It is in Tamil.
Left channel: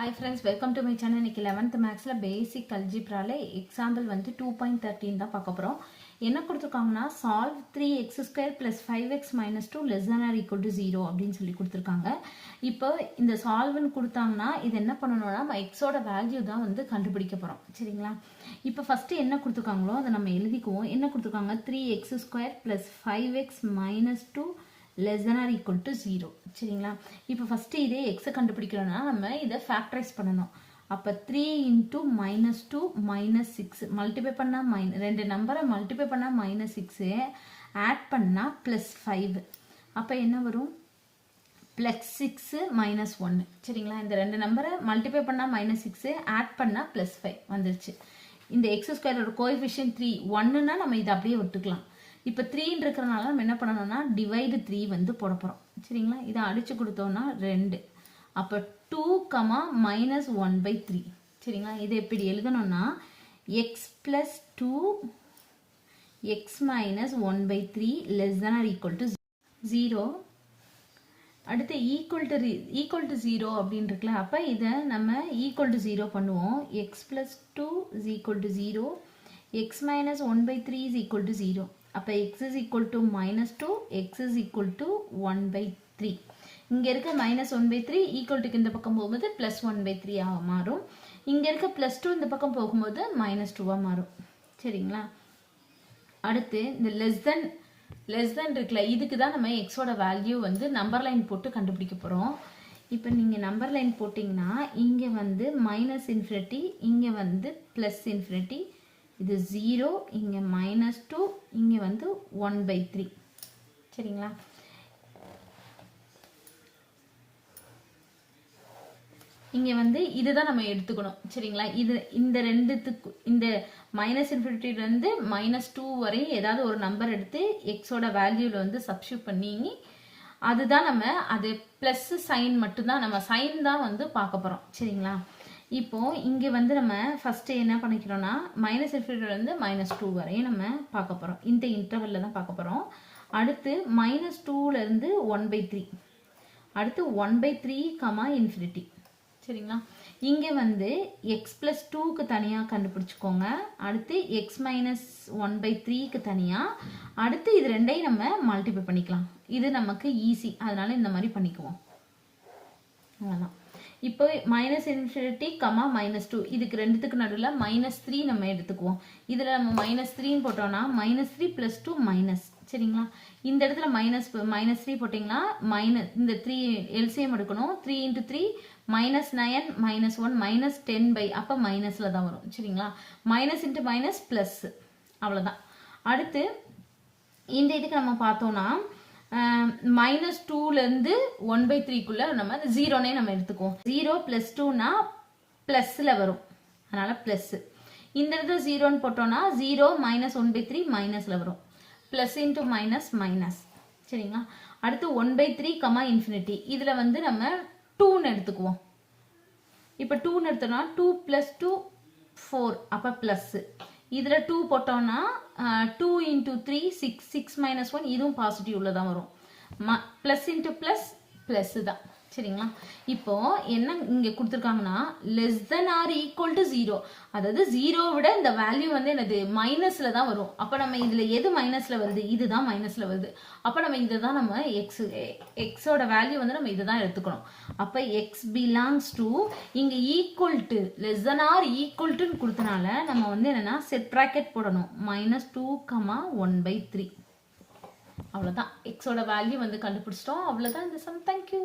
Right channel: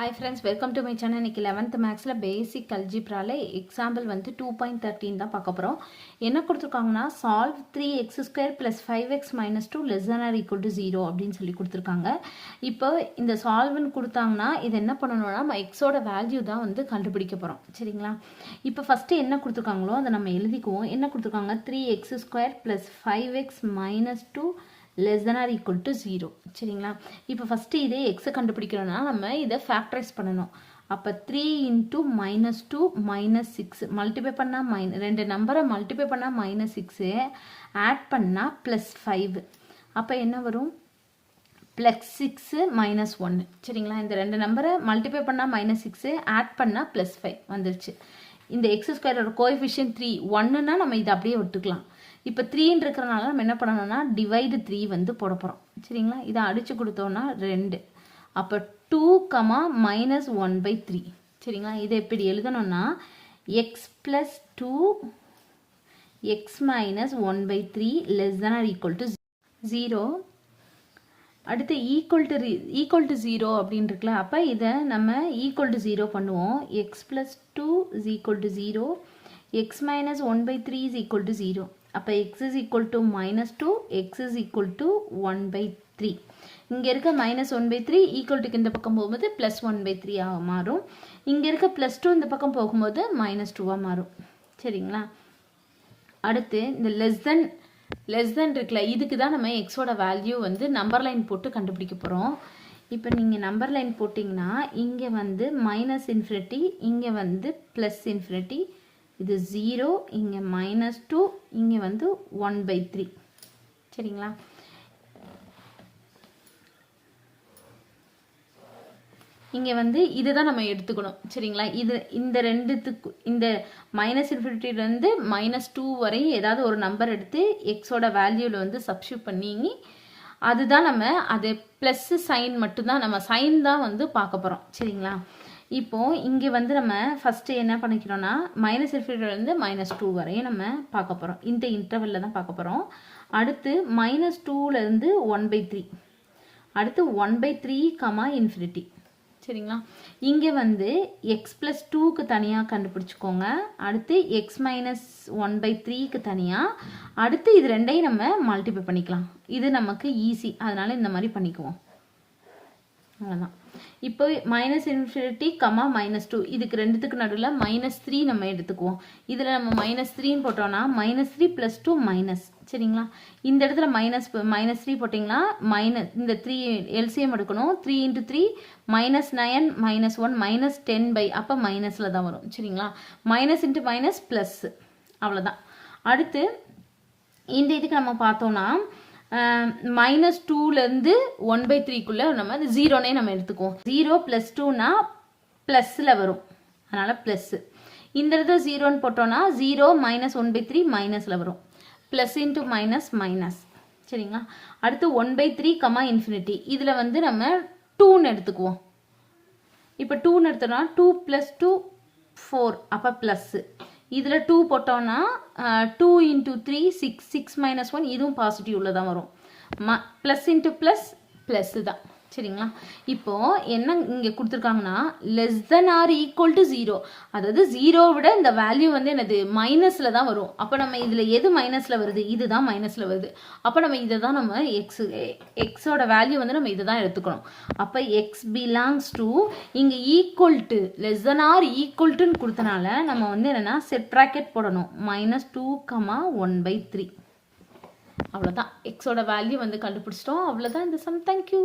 Hi friends, welcome to my channel. இன்னைக்கு 11th மேக்ஸ்ல பேசிக் அல்ஜிப்ரால எக்ஸாம்பிள் வந்து 2.13 தான் பார்க்க போறோம். என்ன கொடுத்திருக்காங்கன்னா solve 3x² + 5x - 2 <= 0 அப்படின்னு சொல்லி கொடுத்திருக்காங்க. இப்போ இந்த சால்வ்னு கொடுத்தாங்கன்னா இது என்ன பண்ணணும்னா நம்ம x ஓட வேல்யூ தான் வந்து கண்டுபிடிக்க போறோம். சரிங்களா? இப்போ ஃபர்ஸ்ட் என்ன கொடுத்திருக்காங்களோ அதை நம்ம எழுதிக்குவோம். என்ன கொடுத்திருக்காங்க 3x² + 5x - 2 <= 0. சரிங்களா? இப்போ ஃபர்ஸ்ட் இதே x கண்டுபிடிக்கணும்னா நம்ம இதை ஃபேக்டரைஸ் பண்ணணும். அப்ப 3 × -2 - 6 மல்டிப்ளை பண்ணா ரெண்டு நம்பரை மல்டிப்ளை பண்ணா -6 ஆட் பண்ணா +5. அப்ப என்ன வரும்? +6 - 1. சரிங்களா? இந்த ரெண்டு நம்பரை மல்டிப்ளை பண்ணா -6 ஆட் பண்ணா +5 வந்துருச்சு. இந்த x² ஓட கோஎஃபிஷியன்ட் 3 1ன்னா நம்ம இதை அப்படியே விட்டுக்கலாம். இப்போ 3 இருக்கிறனால நம்ம என்ன பண்ணணும்னா டிவைடு 3 வந்து போட போறோம். சரிங்களா? இதை அடிச்சு கொடுத்தோம்னா 2. அப்போ 2, -1/3. சரிங்களா? இதை எப்படி எழுதணும்னா x + 2 x - 1/3 <= 0. அடுத்து ஈக்குவல் டு 0 அப்படின்னு இருக்குல்ல, அப்போ இதை நம்ம ஈக்குவல் டு 0 பண்ணுவோம். x + 2 = 0, x - 1/3 = 0. அப்போ x = -2, x = 1/3. இங்க இருக்க -1/3 ஈக்குவல் டுக்கு இந்த பக்கம் போகும்போது +1/3 ஆக மாறும். இங்க இருக்க +2 இந்த பக்கம் போகும்போது -2 மாறும். சரிங்களா? அடுத்து இந்த லெஸ் தென் இருக்குல்ல, இதுக்கு தான் நம்ம x ஓட வேல்யூ வந்து நம்பர் லைன் போட்டு கண்டுபிடிக்க போறோம். இப்போ நீங்க நம்பர் லைன் போட்டிங்கன்னா இங்க வந்து -∞, இங்க வந்து +∞, இது 0, இங்க -2, இங்க வந்து 1/3. சரிங்களா? இங்க வந்து இதுதான் நம்ம எடுத்துக்கணும். சரிங்களா? இது இந்த ரெண்டுத்துக்கு இந்த -∞ இருந்து -2 வரை ஏதாவது ஒரு நம்பர் எடுத்து x ஓட வேல்யூல வந்து சப்ஸ்டிட்யூட் பண்ணி அதுதான் நம்ம அது பிளஸ் சைன் மட்டும்தான் நம்ம சைன் தான் வந்து பார்க்க போறோம். சரிங்களா? இப்போ இங்க வந்து நம்ம ஃபர்ஸ்ட் என்ன பண்ணிக்கிறோம்னா -∞ இருந்து -2 வரையும் நம்ம பார்க்க போறோம். இந்த இன்டர்வல்ல தான் பார்க்க போறோம். அடுத்து -2ல இருந்து 1/3, அடுத்து 1/3, ∞. சரிங்களா? இங்க வந்து x + 2க்கு தனியா கண்டுபிடிச்சுக்கோங்க. அடுத்து x - 1/3க்கு தனியா, அடுத்து இது ரெண்டையும் நம்ம மல்டிப்ளை பண்ணிக்கலாம். இது நமக்கு ஈஸி, அதனால இந்த மாதிரி பண்ணிக்குவோம். அவ்வளவுதான். இப்போ -∞, -2 இதுக்கு ரெண்டுத்துக்கு நடுவில் -3 நம்ம எடுத்துக்குவோம். இதுல நம்ம -3 போட்டோம்னா -3 + 2 மைனஸ். சரிங்களா? இந்த இடத்துல -3 போட்டீங்கன்னா இந்த 3 எல்சிஎம் எடுக்கணும். 3 × 3 -9 -1 -10 அப்ப மைனஸ்ல தான் வரும். சரிங்களா? மைனஸ் இன்ட்டு மைனஸ் பிளஸ், அவ்வளவுதான். அடுத்து இந்த இதுக்கு நம்ம பார்த்தோம்னா -2ல இருந்து 1/3க்குள்ள நம்ம 0னே நம்ம எடுத்துக்குவோம். 0 + 2னா பிளஸ்ல வரும், அதனால பிளஸ். இந்த இடத்துல 0ன்னு போட்டோம்னா 0 -1/3 மைனஸ்ல வரும். Plus into minus minus. சரிங்களா? அடுத்து 1/3, ∞. இதுல வந்து நம்ம 2ன்னு எடுத்துக்குவோம். இப்ப 2ன்னு எடுத்தோம்னா 2 + 2 4, அப்ப பிளஸ். இதுல 2 போட்டோம்னா 2 × 3 6, 6 - 1 இதுவும் பாசிட்டிவ்ல தான் வரும். பிளஸ் இன்ட்டு பிளஸ் பிளஸ் தான். சரிங்களா? இப்போ என்ன இங்க கொடுத்துருக்காங்கன்னா less than or equal to 0, அதாவது 0 விட இந்த வேல்யூ வந்து என்னது மைனஸ்ல தான் வரும். அப்ப நம்ம இதுல எது மைனஸ்ல வருது? இதுதான் மைனஸ்ல வருது. அப்ப நம்ம இதை தான் நம்ம எக்ஸோட வேல்யூ வந்து நம்ம இதை தான் எடுத்துக்கணும். அப்ப x பிலாங்ஸ் டு இங்க equal to less than or equal டுன்னு கொடுத்தனால நம்ம வந்து என்னன்னா செட் பிராக்கெட் போடணும். -2, 1/3. அவ்வளவுதான். எக்ஸோட வேல்யூ வந்து கண்டுபிடிச்சிட்டோம். அவ்வளவுதான் இந்த சம். தேங்க்யூ.